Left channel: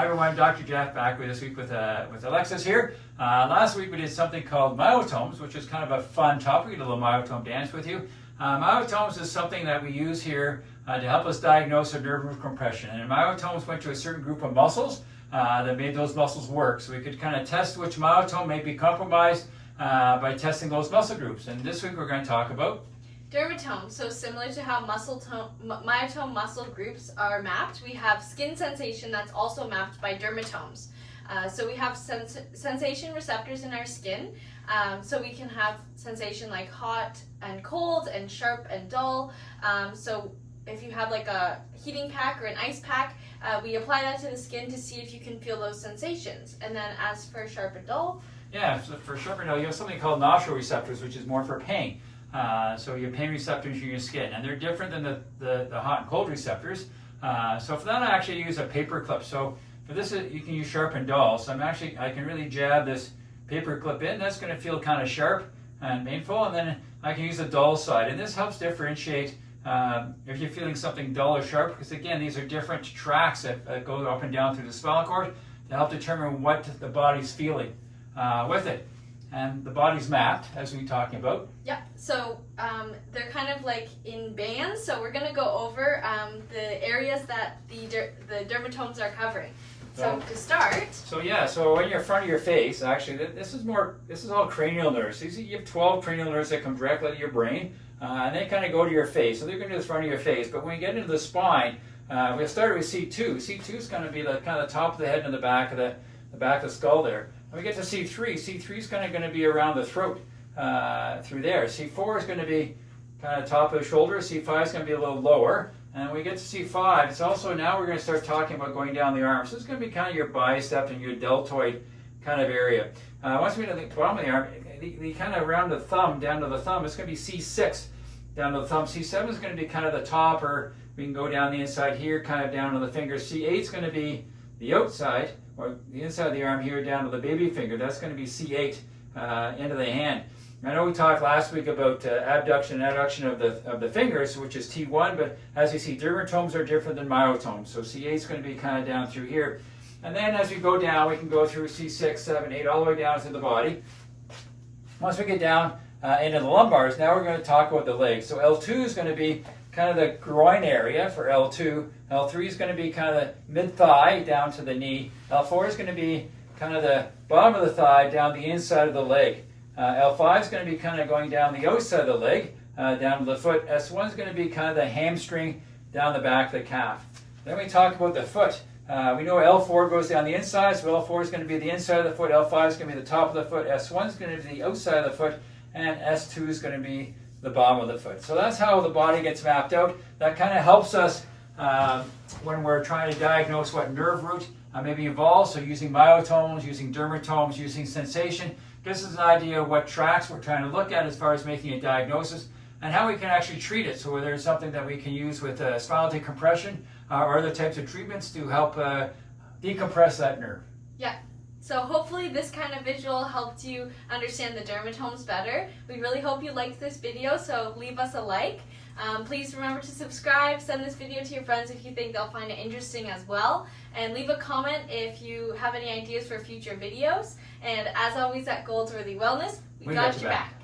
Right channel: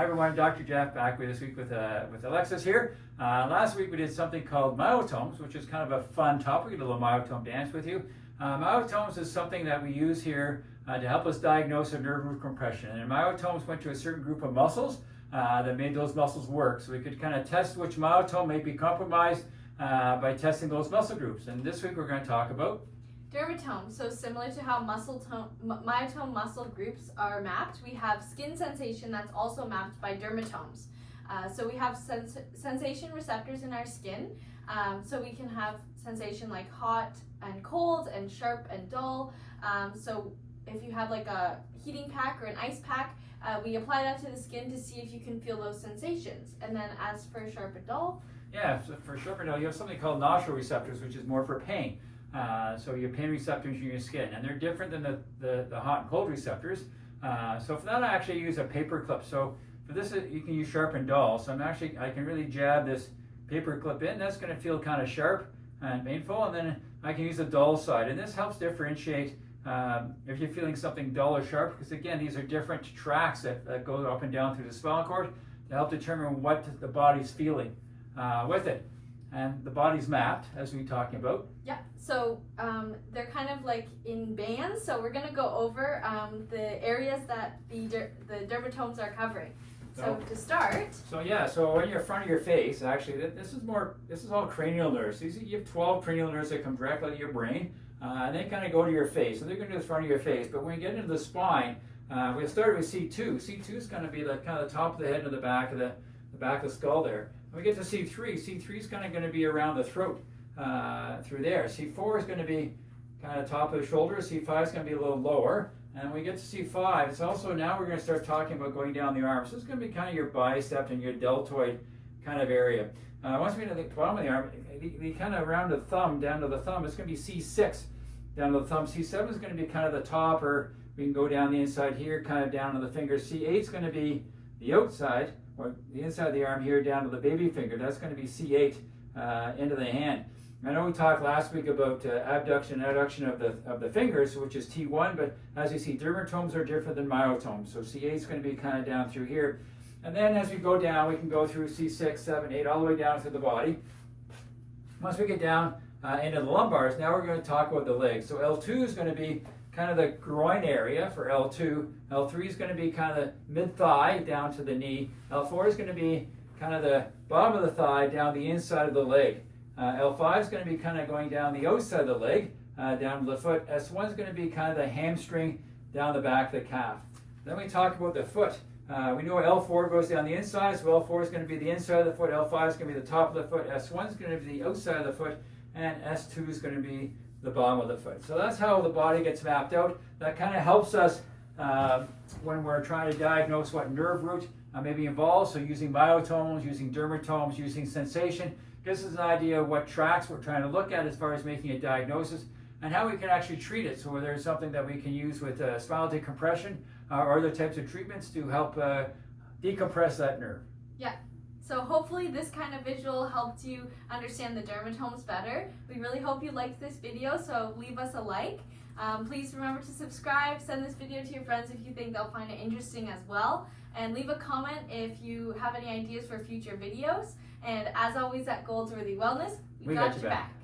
Hi everyone, Dr. Jeff back with this week with Alexis here. Last week we did something called myotomes, which is kind of a fun topic. We did a little myotome dance with you. Myotomes is something that we use here to help us diagnose a nerve root compression. And myotomes went to a certain group of muscles that made those muscles work. So we could kind of test which myotome may be compromised by testing those muscle groups. And this week we're going to talk about dermatomes. So similar to how myotome muscle groups are mapped, we have skin sensation that's also mapped by dermatomes. So we have sensation receptors in our skin, so we can have sensation like hot and cold and sharp and dull. So if you have like a heating pack or an ice pack, we apply that to the skin to see if you can feel those sensations. And then as for sharp and dull, yeah, so for sharp and dull, you have something called nosoreceptors, which is more for pain. So your pain receptors in your skin, and they're different than the hot and cold receptors. So for that, I actually use a paper clip. So for this, you can use sharp and dull. So I can really jab this paper clip in. That's going to feel kind of sharp and painful, and then I can use the dull side. And this helps differentiate if you're feeling something dull or sharp, because again, these are different tracks that go up and down through the spinal cord to help determine what the body's feeling with it. And the body's mapped, as we were talking about. Yeah, so they're kind of like in bands. So we're going to go over the areas that the dermatomes are covering. So to start. So when you're in front of your face, actually, this is all cranial nerves. You have 12 cranial nerves that come directly out of your brain, and they kind of go to your face. So they're going to do the front of your face. But when you get into the spine, we'll start with C2. C2 is going to be the kind of the top of the head and the back of the skull there. When we get to C3, C3 is kind of going to be around the throat through there. C4 is going to be kind of top of the shoulder. C5 is going to be a little lower. And when we get to C5, it's also now we're going to start talking about going down the arm. So it's going to be kind of your bicep and your deltoid kind of area. Once we get to the bottom of the arm, the kind of around the thumb, down to the thumb, it's going to be C6 down to the thumb. C7 is going to be kind of the top, or we can go down the inside here, kind of down to the fingers. C8 is going to be the outside, or the inside of the arm here down to the baby finger. That's going to be C8 into the hand. I know we talked last week about abduction and adduction of the fingers, which is T1, but as you see, dermatomes are different than myotomes. So C8 is going to be kind of down through here. And then as we go down, we can go through C6, 7, 8, all the way down to the body. Once we get down into the lumbars, now we're going to talk about the legs. So L2 is going to be kind of the groin area for L2. L3 is going to be kind of the mid-thigh down to the knee. L4 is going to be kind of the bottom of the thigh down the inside of the leg. L5 is going to be kind of going down the outside of the leg, down to the foot. S1 is going to be kind of the hamstring down the back of the calf. Then we talk about the foot. We know L4 goes down the inside, so L4 is going to be the inside of the foot. L5 is going to be the top of the foot. S1 is going to be the outside of the foot. And S2 is going to be the bottom of the foot. So that's how the body gets mapped out. That kind of helps us when we're trying to diagnose what nerve root may be involved. So using myotomes, using dermatomes, using sensation, gives us an idea of what tracks we're trying to look at as far as making a diagnosis and how we can actually treat it. So whether it's something that we can use with spinal decompression or other types of treatments to help decompress that nerve. Yeah. So hopefully this kind of visual helped you understand the dermatomes better. We really hope you liked this video, so leave us a like. Please remember to subscribe, send this video to your friends if you think they'll find it interesting as well, and leave a comment if you have any ideas for future videos. And as always at Goldsworthy Wellness, we got your back.